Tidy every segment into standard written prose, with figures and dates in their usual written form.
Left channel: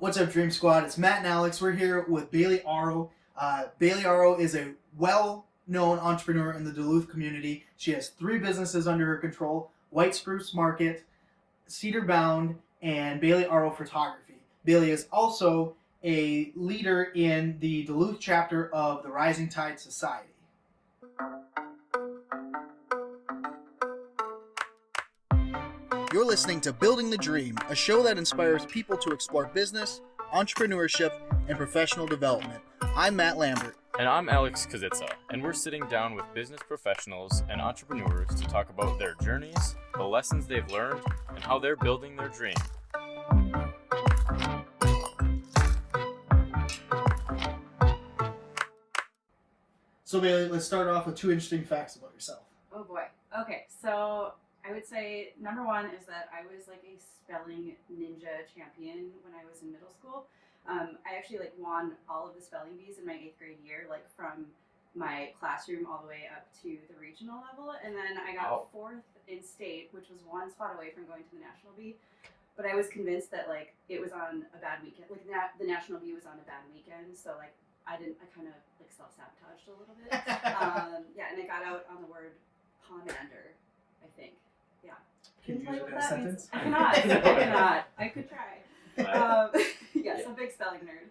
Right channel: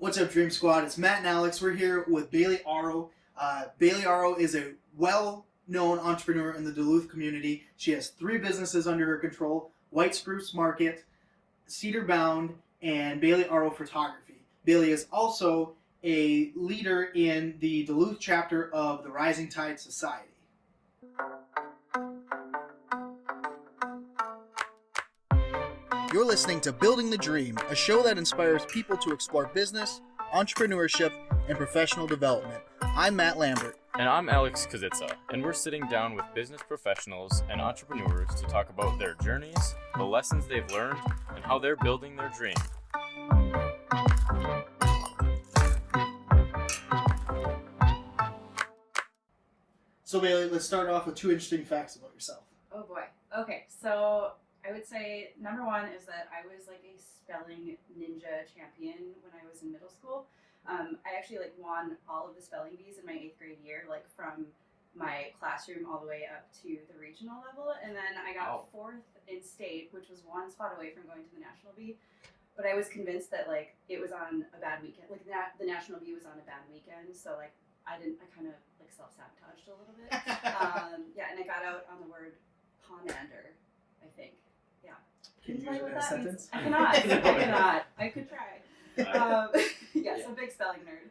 What's up, Dream Squad? It's Matt and Alex. We're here with Bailey Aro. Bailey Aro is a well-known entrepreneur in the Duluth community. She has 3 businesses under her control: Spruce Market, Cedar Bound, and Bailey Aro Photography. Bailey is also a leader in the Duluth chapter of the Rising Tide Society. You're listening to Building the Dream, a show that inspires people to explore business, entrepreneurship, and professional development. I'm Matt Lambert. And I'm Alex Kazitsa, and we're sitting down with business professionals and entrepreneurs to talk about their journeys, the lessons they've learned, and how they're building their dream. So Bailey, let's start off with 2 interesting facts about yourself. Oh boy. Okay, so I would say number 1 is that I was like a spelling ninja champion when I was in middle school. I actually won all of the spelling bees in my 8th grade year, from my classroom all the way up to the regional level, and then I got 4th in state, which was 1 spot away from going to the national bee. But I was convinced that it was on a bad weekend, the national bee was on a bad weekend, so I kind of self-sabotaged a little bit. And I got out on the word pomander, I think. Yeah. Can you use it in a sentence? I cannot. I could try. So big spelling nerd.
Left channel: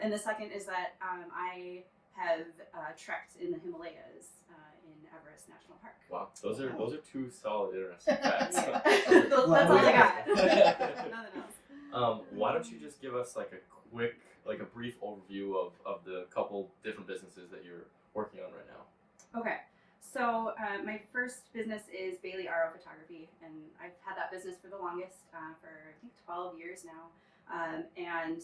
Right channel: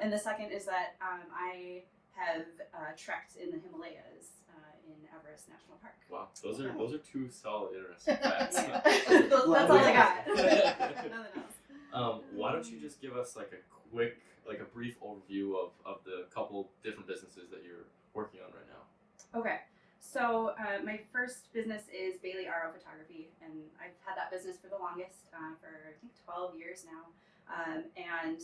And the second is that I have trekked in the Himalayas in Everest National Park. Wow, those are 2 solid, interesting facts. That's all I got. Nothing else. Why don't you just give us a quick, a brief overview of the couple different businesses that you're working on right now? Okay. So my first business is Bailey Aro Photography, and I've had that business for the longest, for I think 12 years now. And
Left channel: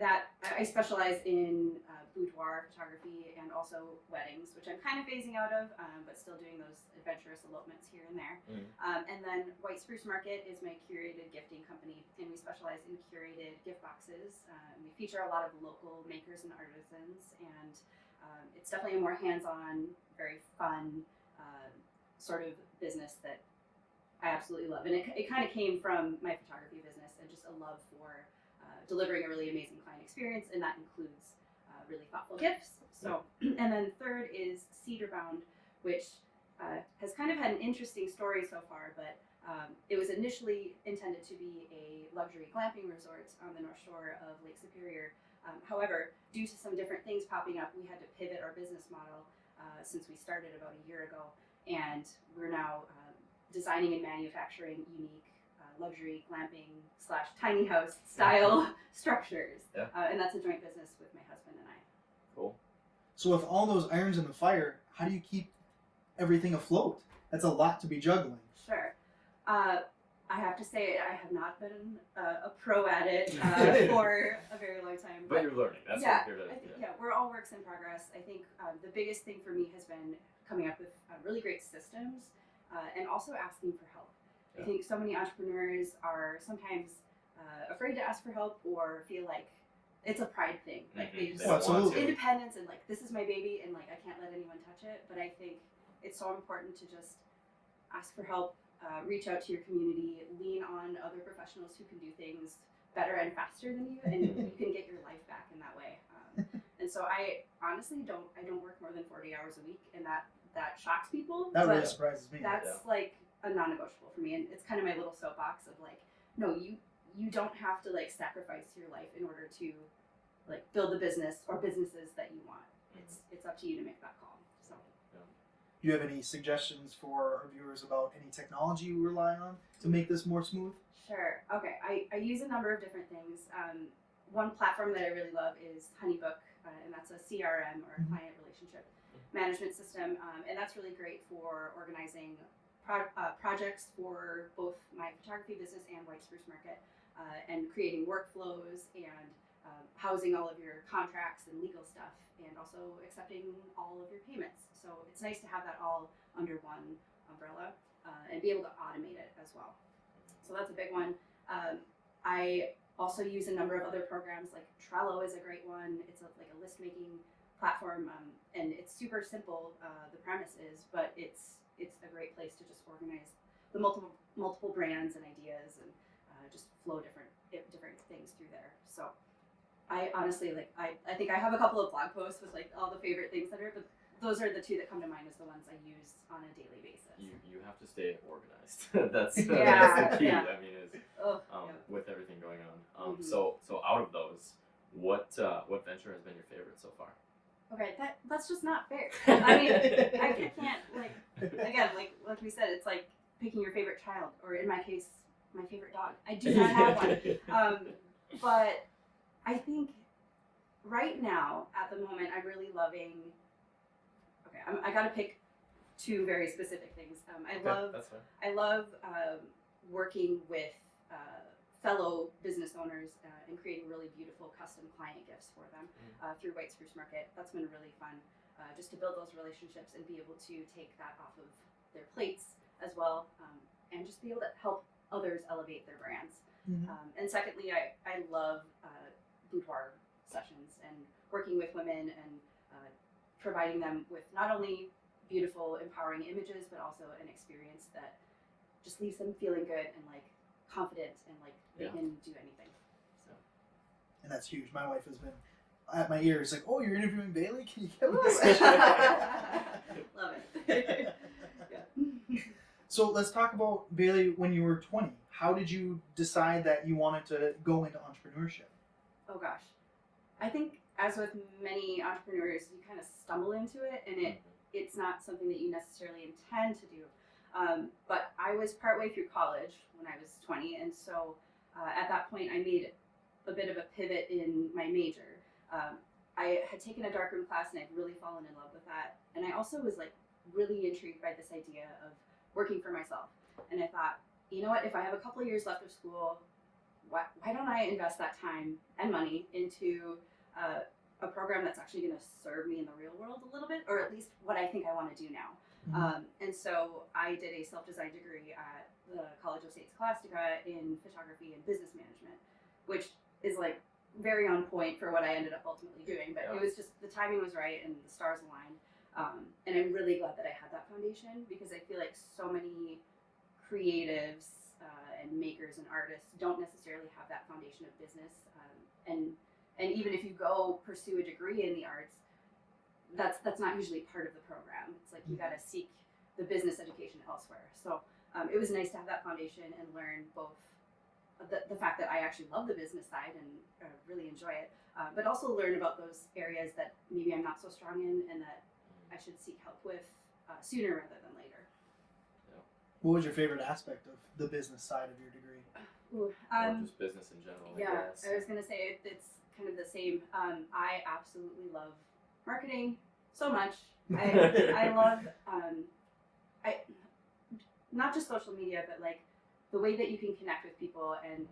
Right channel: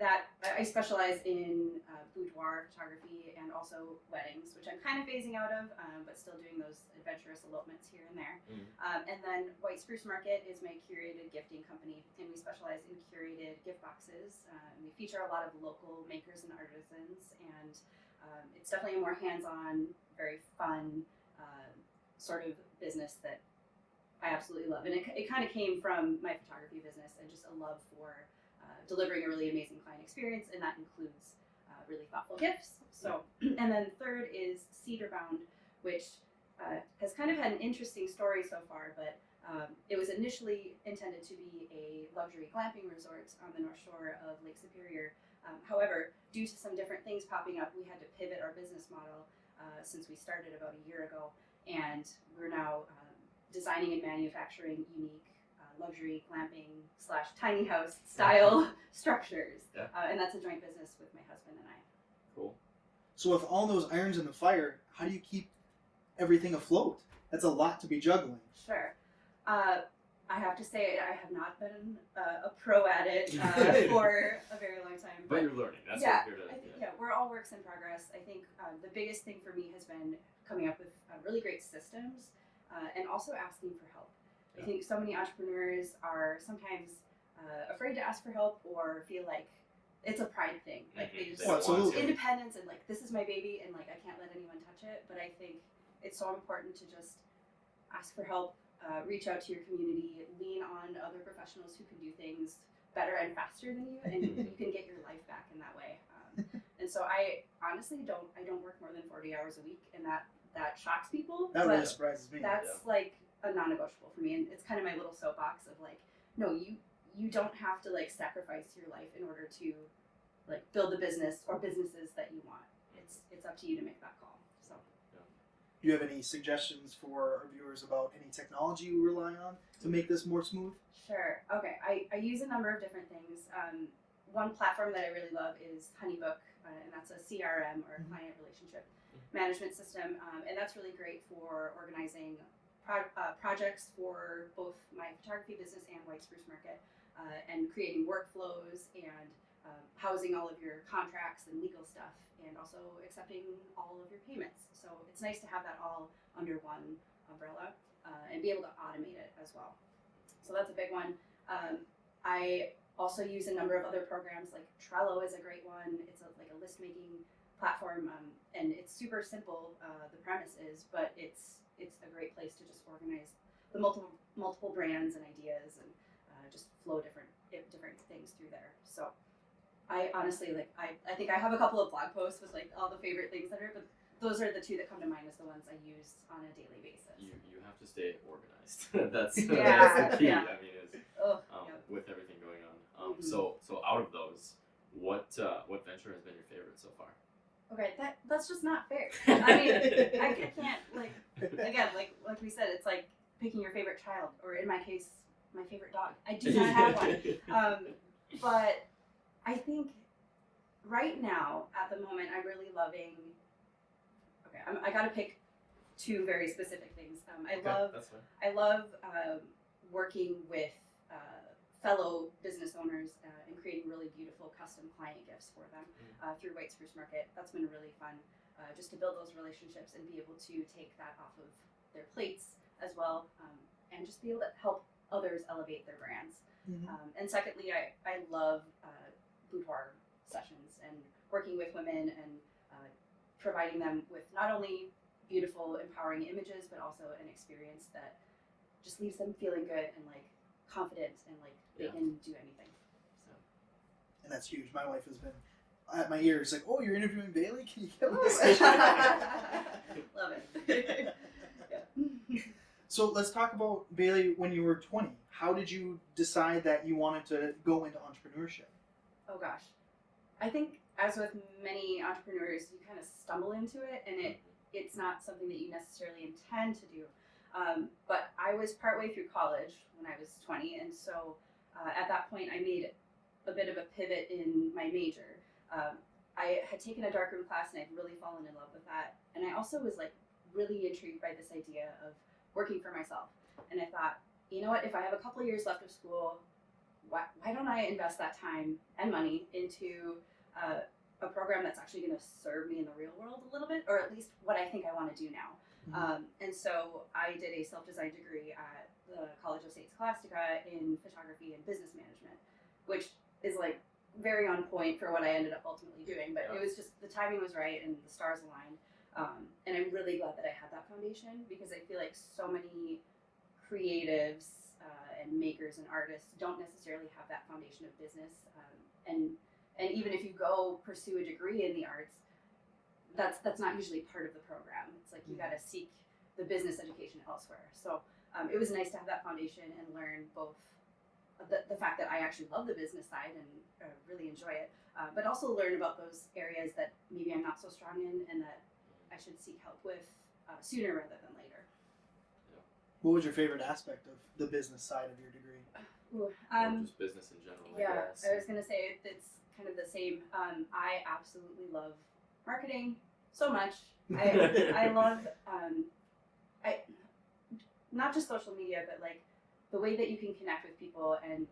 that I specialize in boudoir photography and also weddings, which I'm kind of phasing out of, but still doing those adventurous elopements here and there. And then White Spruce Market is my curated gifting company, and we specialize in curated gift boxes. We feature a lot of local makers and artisans, and it's definitely a more hands-on, very fun sort of business that I absolutely love. And it kind of came from my photography business and just a love for delivering a really amazing client experience, and that includes really thoughtful gifts. So, and then third is Cedar Bound, which has kind of had an interesting story so far, but it was initially intended to be a luxury glamping resort on the North Shore of Lake Superior. However, due to some different things popping up, we had to pivot our business model since we started about a year ago, and we're now designing and manufacturing unique luxury glamping / tiny house style structures. Yeah. And that's a joint business with my husband and I. Cool. So with all those irons in the fire, how do you keep everything afloat? That's a lot to be juggling. Sure. I have to say I have not been a pro at it for a very long time. But you're learning. That's yeah, what you're doing. We're all works in progress. I think the biggest thing for me has been coming up with really great systems and also asking for help. I think so many entrepreneurs are sometimes afraid to ask for help or feel like it's a pride thing. They just Absolutely. Independence and this is my baby and I can't let anyone touch it. But I think it's so important to just ask for help, reach out to your community, lean on other professionals who can do things better and faster than you, and you can get your life back in that way. And so I honestly don't work more than 40 hours a week, and that shocks people. That really surprises me. That's a non-negotiable for me, and it's kind of my little soapbox of no, you don't have to sacrifice your life in order to build the business or businesses that you want. It's up to you to make that call. So. Do you have any suggestions for our viewers about any technology you rely on to make this more smooth? Sure. Okay. I use a number of different things. One platform that I really love is Honeybook, and that's a CRM or client relationship management system, and that's really great for organizing projects for both my photography business and White Spruce Market, and creating workflows and housing all of your contracts and legal stuff, and also accepting all of your payments. So it's nice to have that all under one umbrella and be able to automate it as well. So that's a big one. I also use a number of other programs, like Trello is a great one. It's a list making platform, and it's super simple. The premise is, but it's a great place to just organize the multiple brands and ideas and just flow different things through there. I honestly I think I have a couple of blog posts with like all the favorite things that are, but those are the two that come to mind as the ones I use on a daily basis. You have to stay organized. that's Yeah, that's the key. yeah. I mean, Yeah. with everything going on. Mhm. So out of those, what venture has been your favorite so far? Okay, that's just not fair. I mean, I can't like again like we said, it's like picking your favorite child, or in my case, my favorite dog. I do not have one. But I think right now, at the moment, I'm really loving. Okay, I got to pick two very specific things. That's fine. I love working with fellow business owners and creating really beautiful custom client gifts for them through Spruce Market. That's been really fun, just to build those relationships and be able to take that off of their plates as well, and just be able to help others elevate their brands. And secondly, I love boudoir sessions and working with women and providing them with not only beautiful, empowering images, but also an experience that just leaves them feeling good and like confident and like they can do anything. So. And that's huge. My wife has been at my ears like, "Oh, you're interviewing Bailey? Can you get me Ooh. this?" Love it. Yeah. So let's talk about Bailey when you were 20. How did you decide that you wanted to go into entrepreneurship? Oh gosh, I think as with many entrepreneurs, you kind of stumble into it, and it's not something that you necessarily intend to do. But I was partway through college when I was 20, and so at that point I made a bit of a pivot in my major. I had taken a darkroom class and I'd really fallen in love with that, and I also was like really intrigued by this idea of working for myself. And I thought, you know what, if I have a couple of years left of school, why don't I invest that time and money into a program that's actually going to serve me in the real world a little bit, or at least what I think I want to do now. And so I did a self-design degree at the College of St. Scholastica in photography and business management, which is like very on point for what I ended up ultimately doing. But it was just, the timing was right and the stars aligned. And I'm really glad that I had that foundation, because I feel like so many creatives and makers and artists don't necessarily have that foundation of business. And even if you go pursue a degree in the arts, that's not usually part of the program. It's like you got to seek the business education elsewhere. So it was nice to have that foundation and learn both the fact that I actually love the business side and really enjoy it, but also learn about those areas that maybe I'm not so strong in and that I should seek help with sooner rather than later. What was your favorite aspect of the business side of your degree? Or just business in general, I guess. I was going to say it's kind of the same. I absolutely love marketing so much. I love not just social media, but like the way that you can connect with people and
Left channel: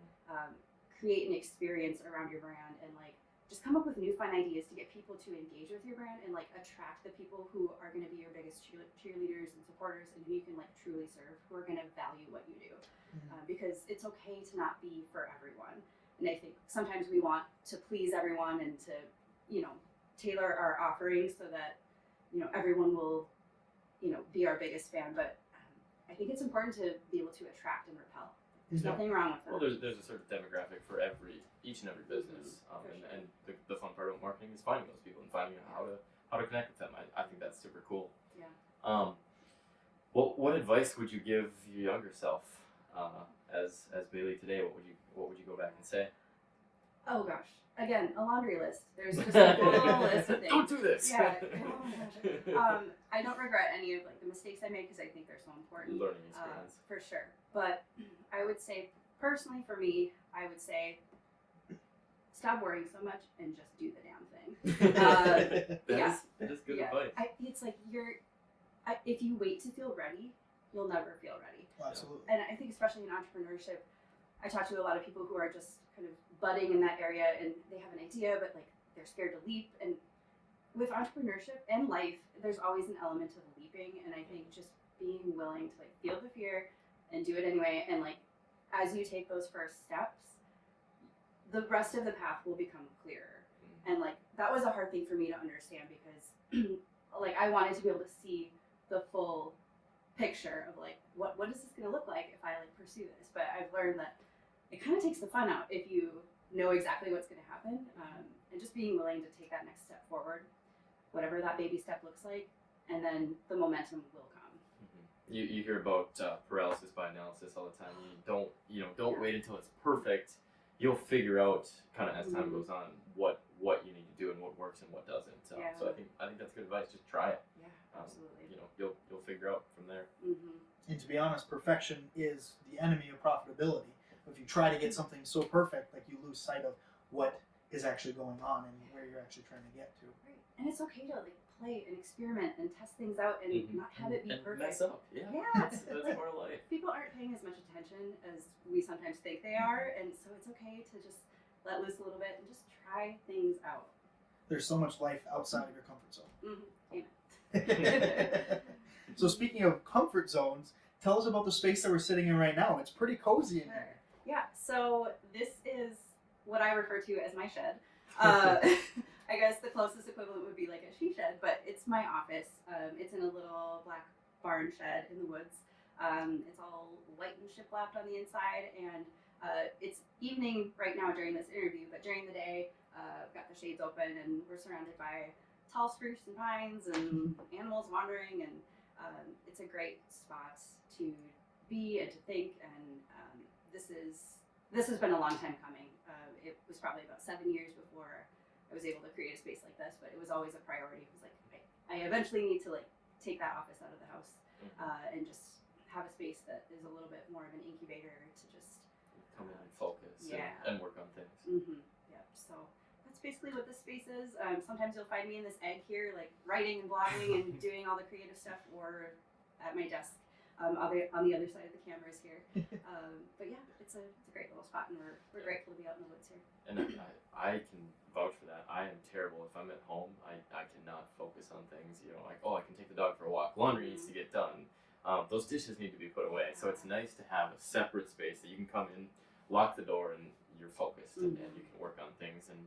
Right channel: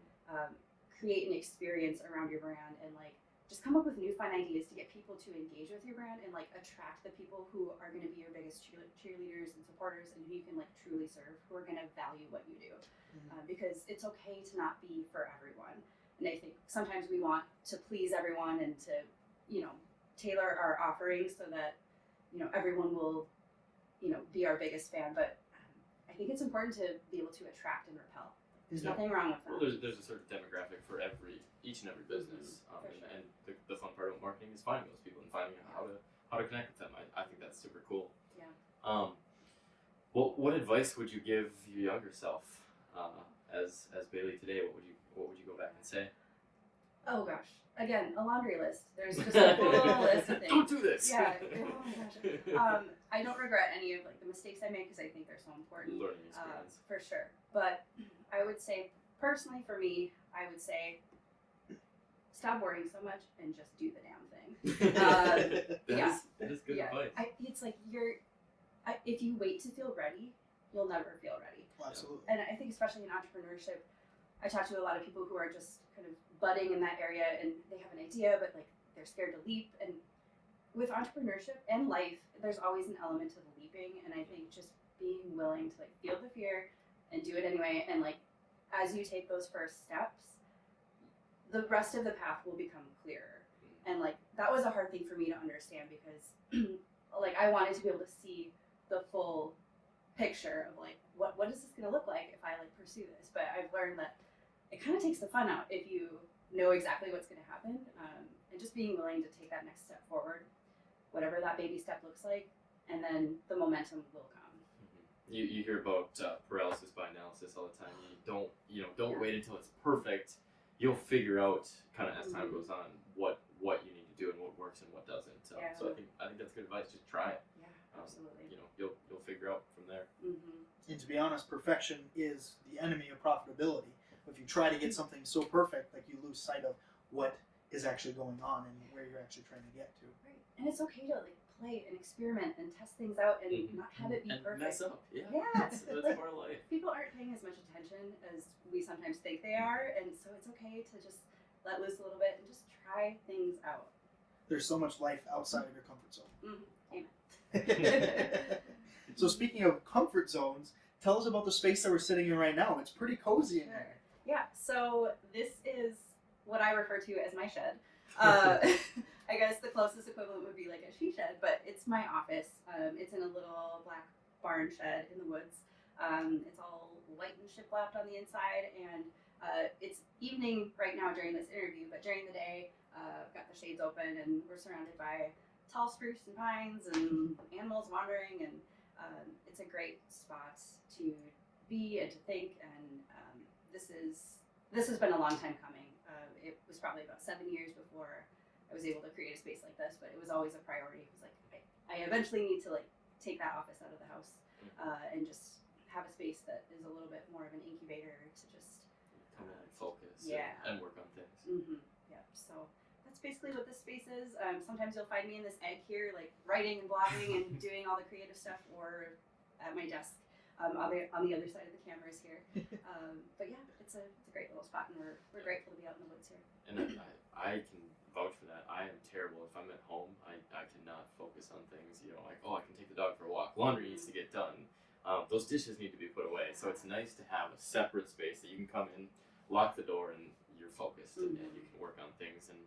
create an experience around your brand, and like just come up with new fun ideas to get people to engage with your brand and like attract the people who are going to be your biggest cheerleaders and supporters, and who you can like truly serve, who are going to value what you do. Because it's okay to not be for everyone. And I think sometimes we want to please everyone and to, tailor our offerings so that, everyone will, be our biggest fan. But I think it's important to be able to attract and repel. There's nothing wrong with that. Well, there's a certain demographic for each and every business. And the fun part about marketing is finding those people and finding out how to connect with them. I think that's super cool. Yeah. What advice would you give your younger self as Bailey today? What would you go back and say? Oh gosh, again, a laundry list. There's just a full list of things. Don't do this. Yeah. Oh my gosh. I don't regret any of like the mistakes I made, because I think they're so important. Learning experience. For sure. But I would say, personally for me, I would say, stop worrying so much and just do the damn thing. That is good advice. It's like if you wait to feel ready, you'll never feel ready. Well, absolutely. And I think especially in entrepreneurship, I talk to a lot of people who are just kind of budding in that area, and they have an idea, but like they're scared to leap. And with entrepreneurship and life, there's always an element of leaping. And I think just being willing to like feel the fear and do it anyway. And like, as you take those first steps, the rest of the path will become clearer. And like, that was a hard thing for me to understand, because like I wanted to be able to see the full picture of like, what is this going to look like if I like pursue this? But I've learned that it kind of takes the fun out if you know exactly what's going to happen. and just being willing to take that next step forward, whatever that baby step looks like, and then the momentum will come. You hear about paralysis by analysis all the time. Don't wait until it's perfect. You'll figure out kind of as time goes on what you need to do and what works and what doesn't. So I think that's good advice. Just try it. Yeah, absolutely. You'll figure out from there. And to be honest, perfection is the enemy of profitability. If you try to get something so perfect, like you lose sight of what is actually going on and where you're actually trying to get to. Right. And it's okay to like play and experiment and test things out and not have it be and perfect. mess up. Yeah. That's like, more life. People aren't paying as much attention as we sometimes think they are, and so it's okay to just let loose a little bit and just try things out. There's so much life outside of your comfort zone. Amen. So speaking of comfort zones, tell us about the space that we're sitting in right now. It's pretty cozy in here. Yeah, so this is what I refer to as my shed. I guess the closest equivalent would be like a she shed, but it's my office. It's in a little black barn shed in the woods. It's all white and shiplapped on the inside, and it's evening right now during this interview, but during the day, I've got the shades open, and we're surrounded by tall spruce and pines and animals wandering, and it's a great spot to be and to think, and this has been a long time coming. It was probably about 7 years before I was able to create a space like this, but it was always a priority. It was like, I eventually need to like take that office out of the house and just have a space that is a little bit more of an incubator to just come in and focus and work on things. Yeah, so that's basically what this space is. Sometimes you'll find me in this egg here, like writing and blogging and doing all the creative stuff, or at my desk on the other side of the cameras here. But yeah, it's a great little spot, and we're grateful to be out in the woods here. And I can vouch for that. I am terrible if I'm at home. I cannot focus on things. Like, I can take the dog for a walk. Laundry needs to get done. Those dishes need to be put away. So it's nice to have a separate space that you can come in, lock the door, and you're focused, and you can work on things, and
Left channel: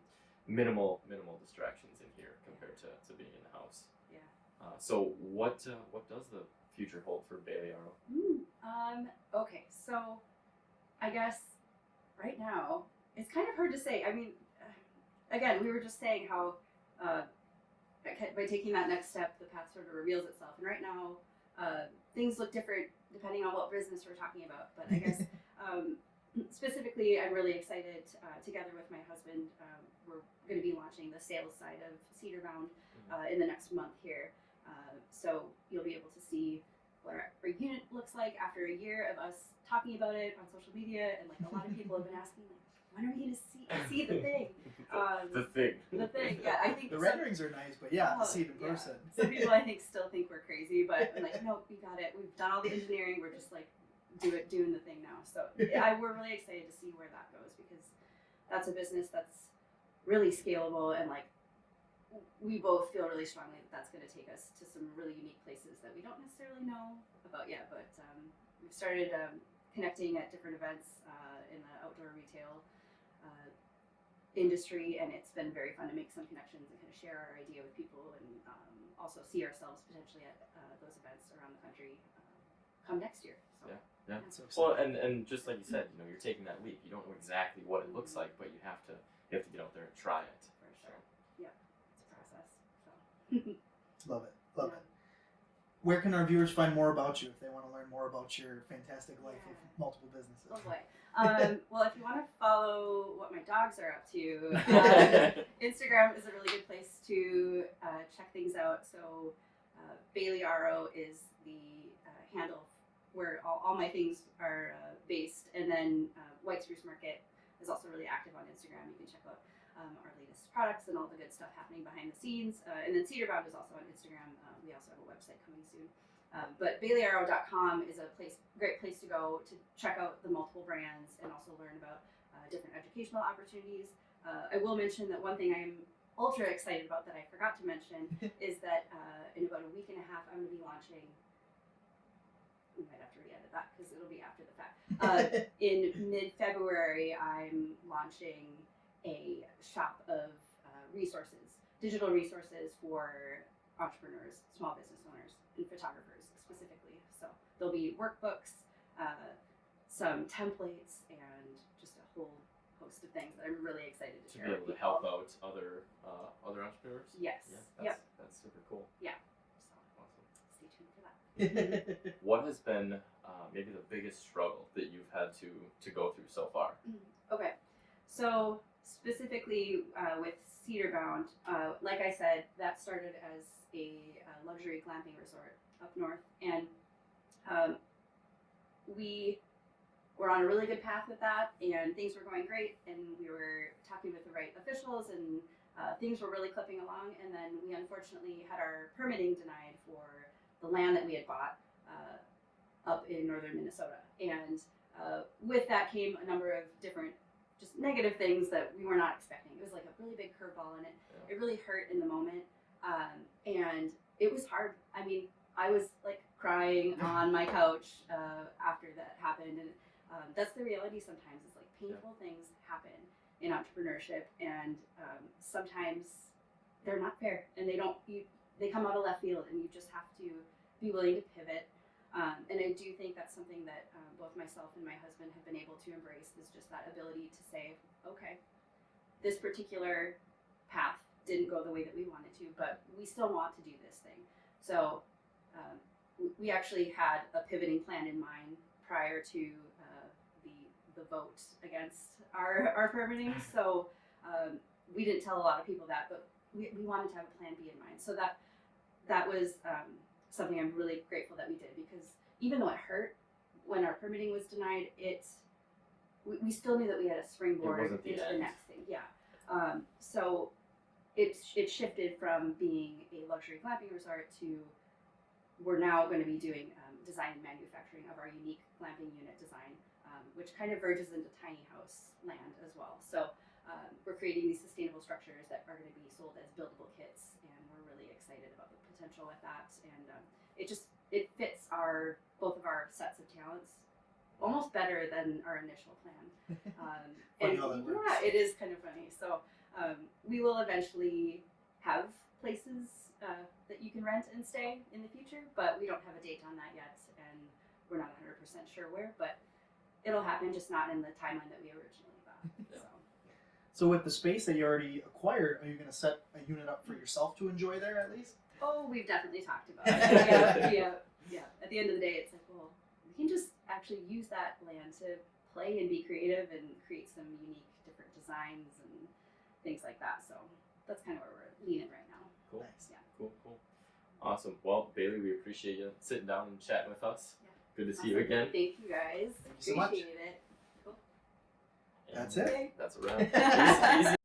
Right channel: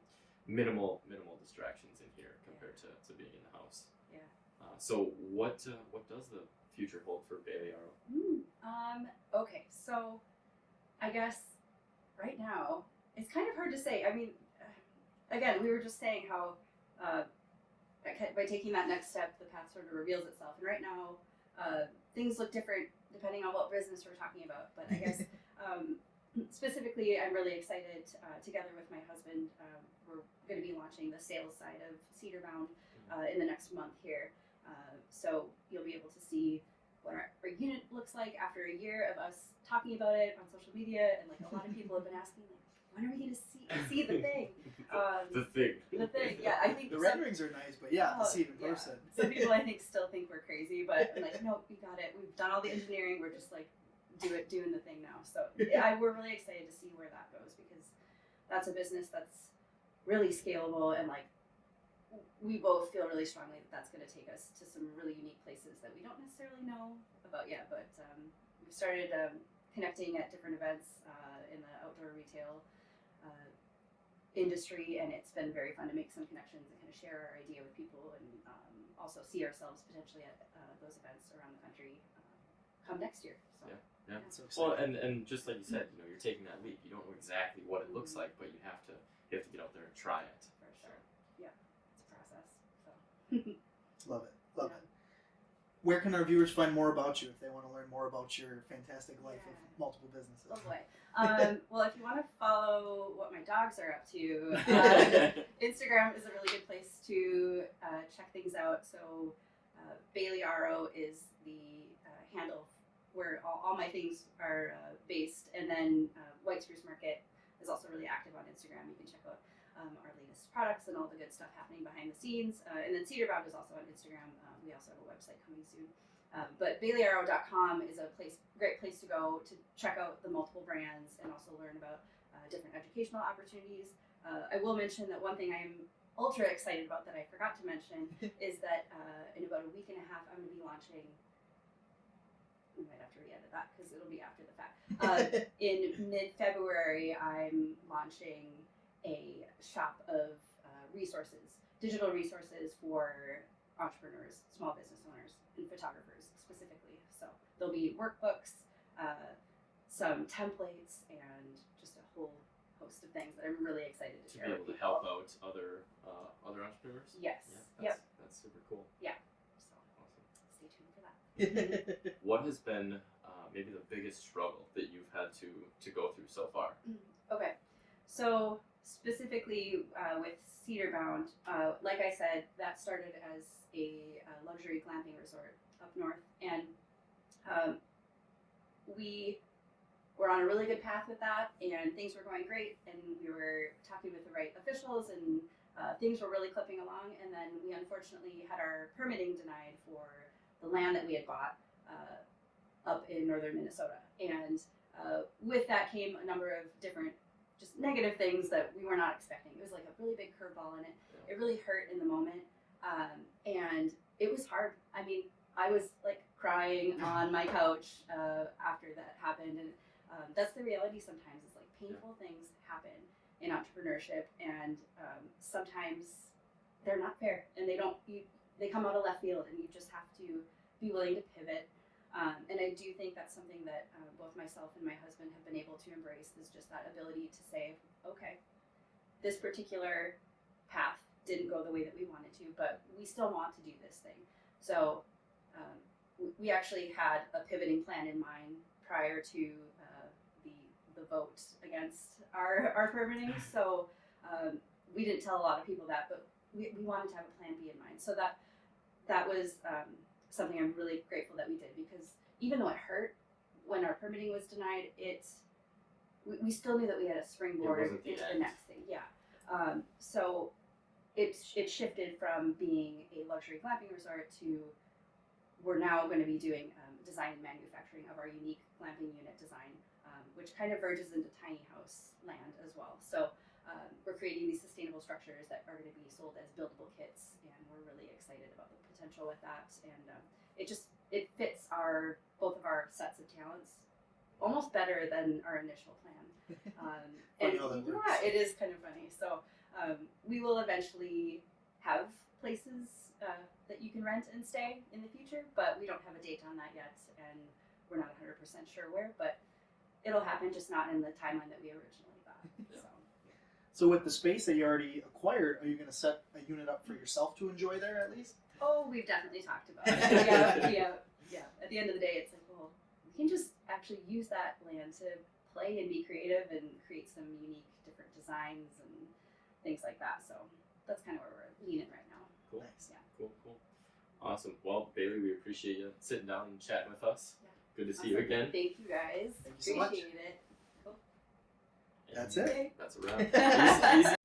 minimal distractions in here compared to being in the house. Yeah. So what does the future hold for Bailey Aro? Okay, so I guess right now it's kind of hard to say. I mean, again, we were just saying how by taking that next step, the path sort of reveals itself. And right now, things look different depending on what business we're talking about. But I guess specifically, I'm really excited. Together with my husband, we're going to be launching the sales side of Cedar Bound in the next month here. So you'll be able to see what our unit looks like after a year of us talking about it on social media, and like a lot of people have been asking, like, when are we going to see the thing? The thing, yeah. I think the renderings are nice, but to see it in person. Some people I think still think we're crazy, but I'm like, no, we got it. We've done all the engineering. We're just like doing the thing now. So we're really excited to see where that goes, because that's a business that's really scalable, and like we both feel really strongly that that's going to take us to some really unique places that we don't necessarily know about yet. But we've started connecting at different events in the outdoor retail industry, and it's been very fun to make some connections and kind of share our idea with people, and also see ourselves potentially at those events around the country come next year. So yeah. So Well, and just like you said, you're taking that leap. You don't know exactly what it looks like, but you have to get out there and try it. For sure. Yeah, it's a process. So. Love it. Where can our viewers find more about you if they want to learn more about your fantastic life of multiple businesses? Oh boy. Well, if you want to follow what my dogs are up to, Instagram is a really good place to check things out. So Bailey Aro is the handle where all my things are based. And then White Spruce Market is also really active on Instagram. You can check out our latest products and all the good stuff happening behind the scenes. And then Cedar Bound is also on Instagram. We also have a website coming soon. But BaileyAro.com is a great place to go to check out the multiple brands and also learn about different educational opportunities. I will mention that one thing I'm ultra excited about that I forgot to mention is that in about a week and a half, I'm going to be launching. We might have to re-edit that because it'll be after the fact. In mid-February, I'm launching a shop of digital resources for entrepreneurs, small business owners, and photographers specifically. So there'll be workbooks, some templates, and just a whole host of things that I'm really excited to To be care able of to help people. out other entrepreneurs. Yes. Yeah, that's super cool. So Awesome. stay tuned for that. What has been maybe the biggest struggle that you've had to go through so far? Okay, so specifically with Cedar Bound, like I said, that started as a luxury glamping resort up north, and we were on a really good path with that, and things were going great, and we were talking with the right officials, and things were really clipping along, and then we unfortunately had our permitting denied for the land that we had bought up in northern Minnesota, and with that came a number of different just negative things that we were not expecting. It was like a really big curveball in it. Yeah. It really hurt in the moment, and it was hard. I mean, I was like crying on my couch after that happened, and that's the reality sometimes. It's like painful things happen in entrepreneurship, and sometimes they're not fair, and they come out of left field, and you just have to be willing to pivot. And I do think that's something that both myself and my husband have been able to embrace, is just that ability to say, okay, this particular path didn't go the way that we wanted to, but we still want to do this thing. So we actually had a pivoting plan in mind prior to the vote against our permitting. So we didn't tell a lot of people that, but we wanted to have a plan B in mind. So that was something I'm really grateful that we did, because even though it hurt when our permitting was denied, we still knew that we had a springboard wasn't the into the end. next thing. Yeah. So it shifted from being a luxury glamping resort to we're now going to be doing design and manufacturing of our unique glamping unit design, which kind of verges into tiny house land as well. So we're creating these sustainable structures that are going to be sold as buildable kits, and we're really excited about the potential with that. And it fits both of our sets of talents almost better than our initial plan. Funny how that works. Yeah, it is kind of funny. So we will eventually have places that you can rent and stay in the future, but we don't have a date on that yet, and we're not 100% sure where, but it'll happen, just not in the timeline that we originally thought. Yeah. So with the space that you already acquired, are you going to set a unit up for yourself to enjoy there at least? Oh, we've definitely talked about it. Yeah. At the end of the day, it's like, well, we can just actually use that land to play and be creative and create some unique, different designs and things like that. So that's kind of where we're leaning right now. Cool. Nice. Yeah. Cool. Awesome. Well, Bailey, we appreciate you sitting down and chatting with us. Yeah. Good to see you again. Thank you guys. Thank you so much. Appreciate it. That's it. Okay. That's a wrap. Easy.